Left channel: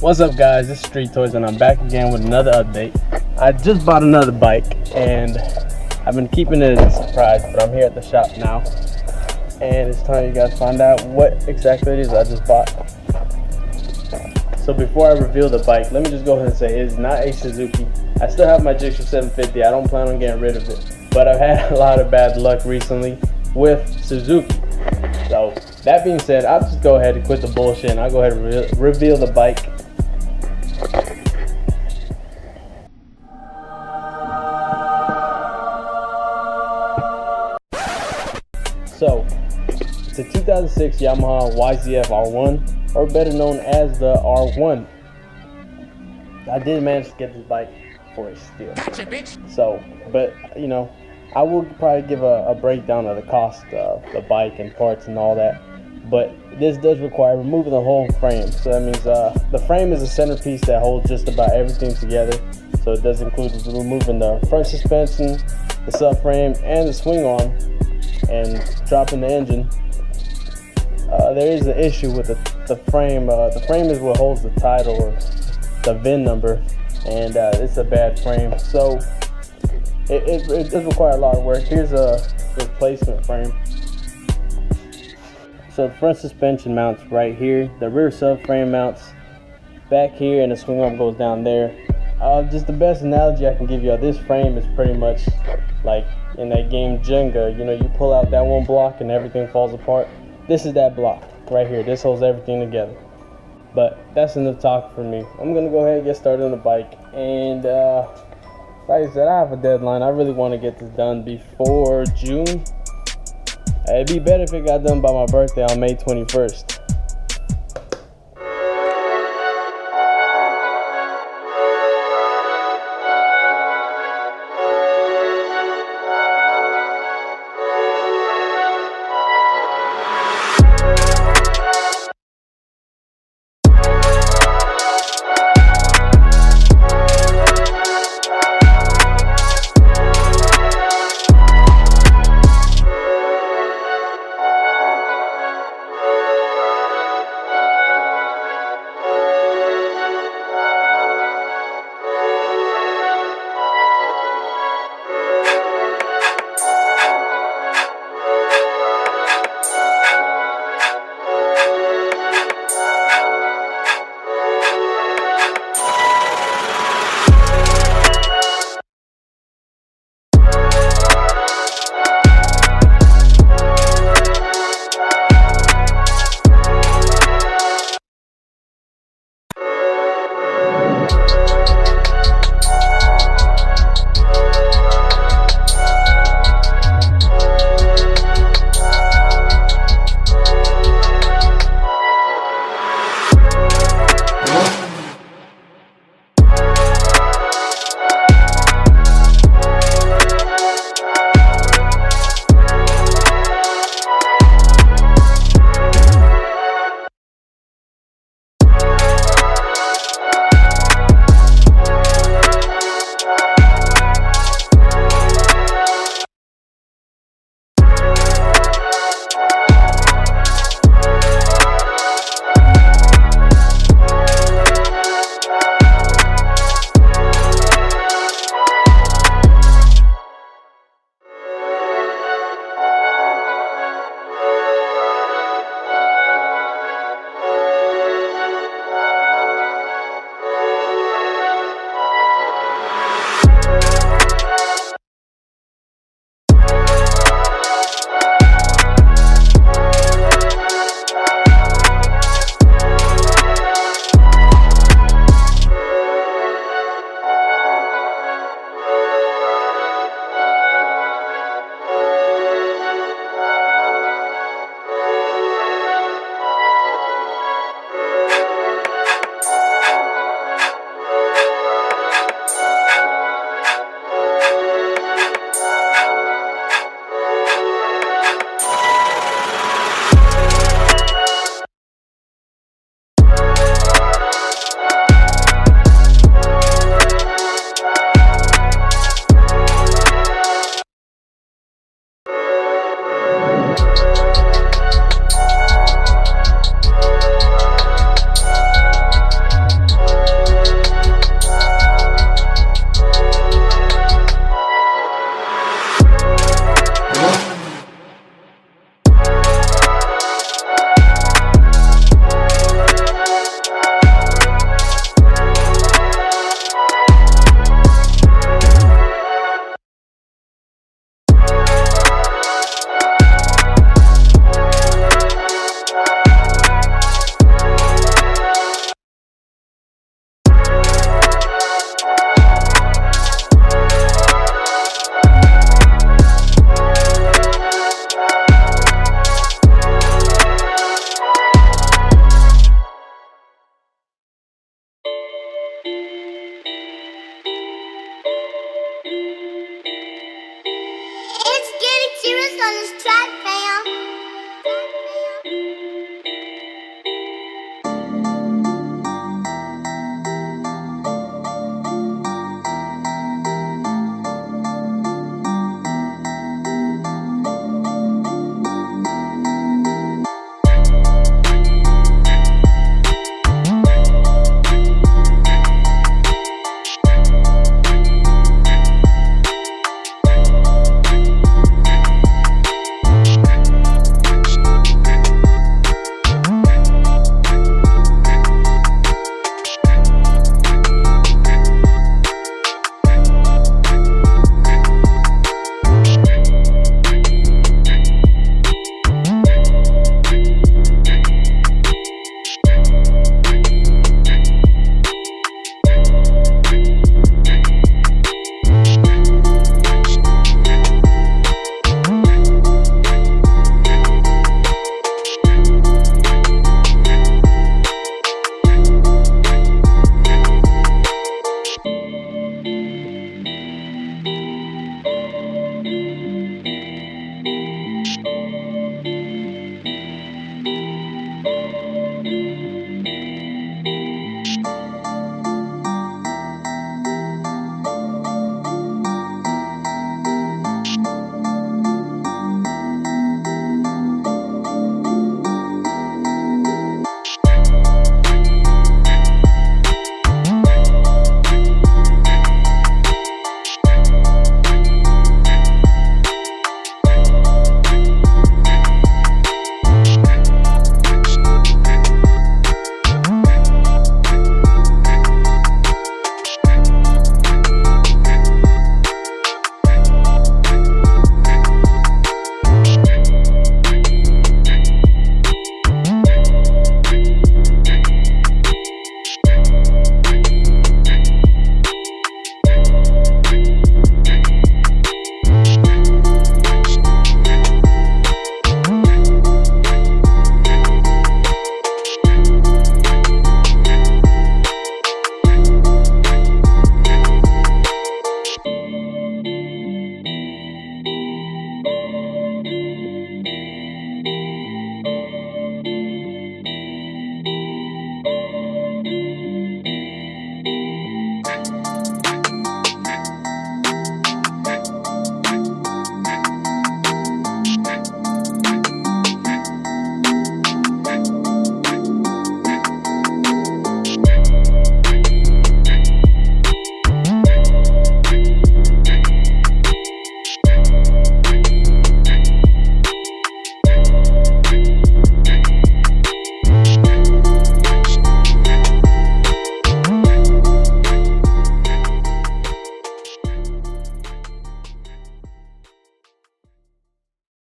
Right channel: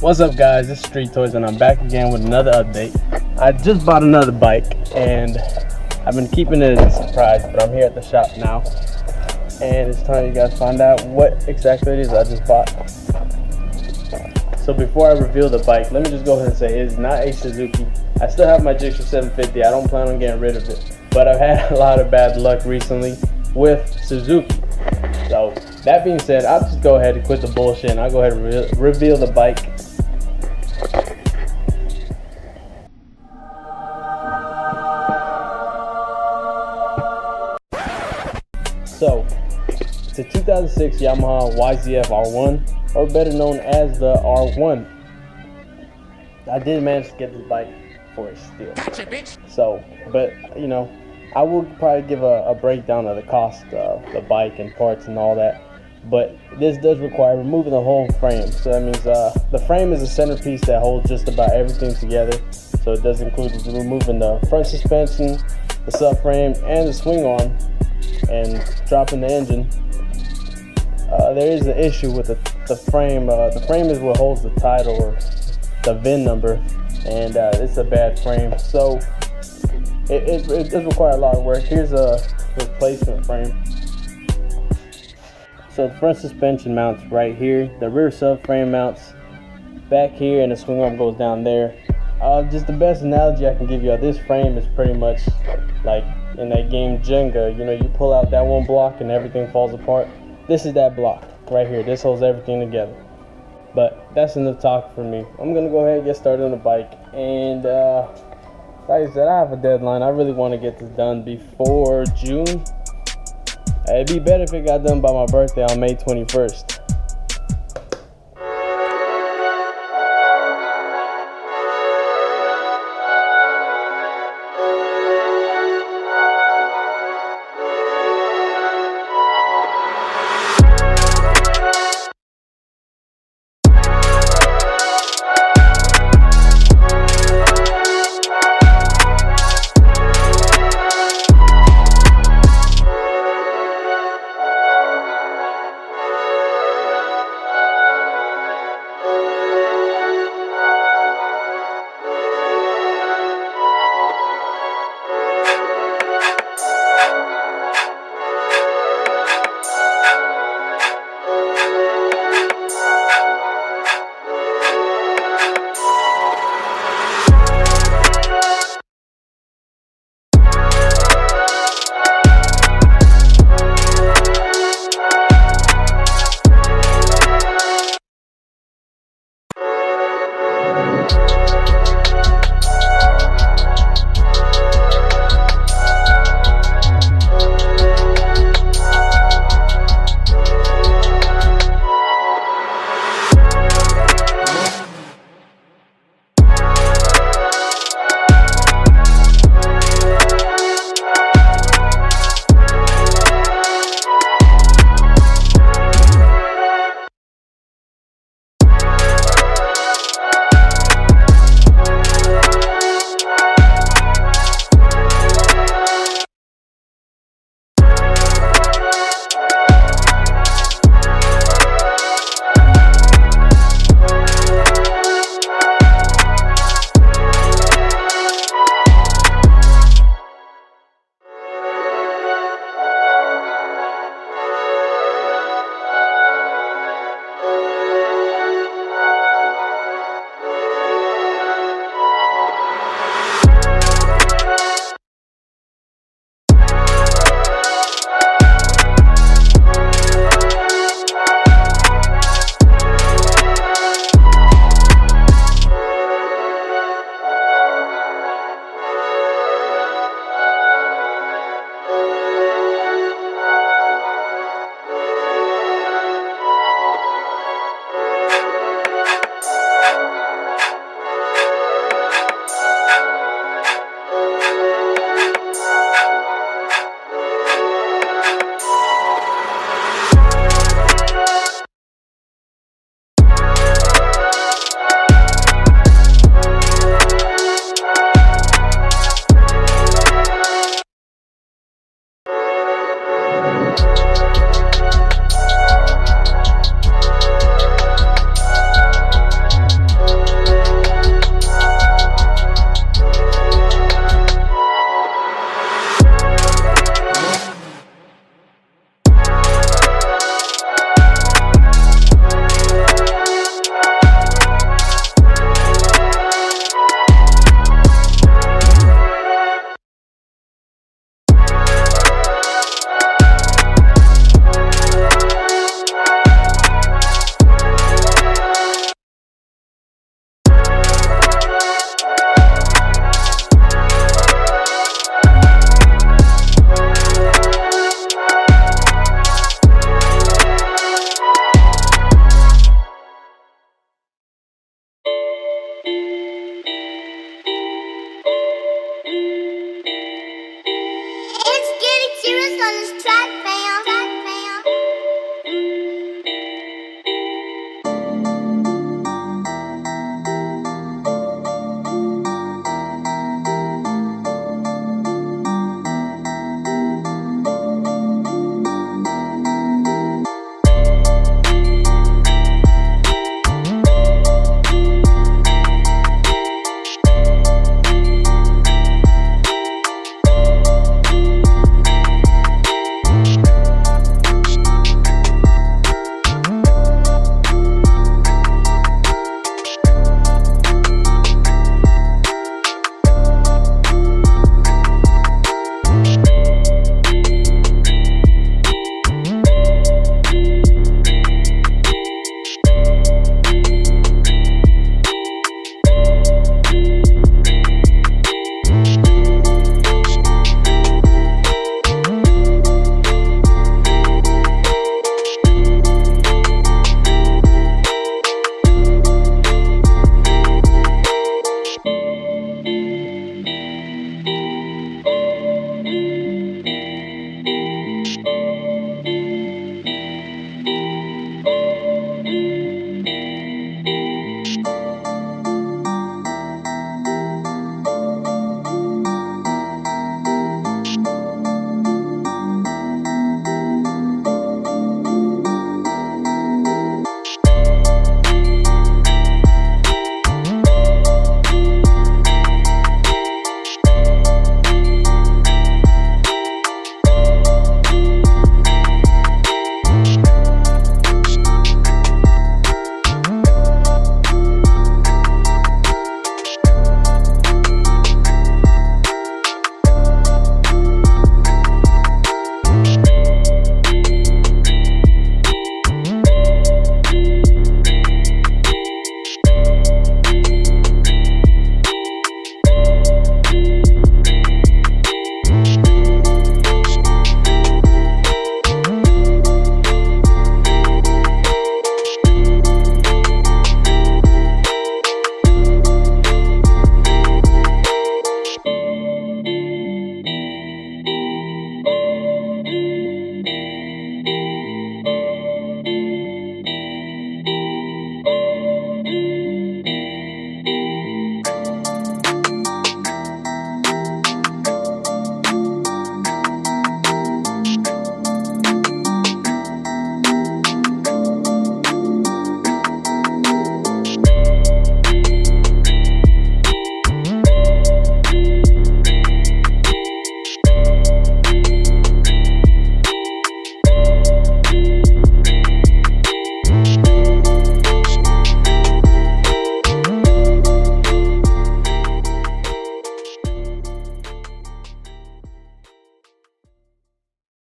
What's up guys, it's Street Toys and I'm back again with another update. I just bought another bike and I've been keeping it as a surprise, but I'm here at the shop now and it's time you guys find out what exactly it is I just bought. So before I reveal the bike, let me just go ahead and say it's not a Suzuki. I still have my Gixxer 750, I don't plan on getting rid of it, but I've had a lot of bad luck recently with Suzuki. So that being said, I'll just go ahead and quit the bullshit and I'll go ahead and reveal the bike. So, it's a 2006 Yamaha YZF R1, or better known as the R1. I did manage to get this bike for a steal. Gotcha, bitch. So, but you know, I will probably give a breakdown of the cost of the bike and parts and all that. But this does require removing the whole frame. So that means the frame is a centerpiece that holds just about everything together. So it does include removing the front suspension, the subframe, and the swing arm, and dropping the engine. There is an issue with the frame. The frame is what holds the title or the VIN number, and it's a bad frame. So it does require a lot of work. Here's a replacement frame. So the front suspension mounts right here. The rear subframe mounts back here, and the swing arm goes down there. Just the best analogy I can give you of this frame is pretty much like in that game Jenga. You know, you pull out that one block and everything falls apart. This is that block right here. This holds everything together. But that's enough talk for me. I'm gonna go ahead and get started on the bike. And like I said, I have a deadline. I really want to get this done before June. It'd be better if it got done by my birthday on May 21st.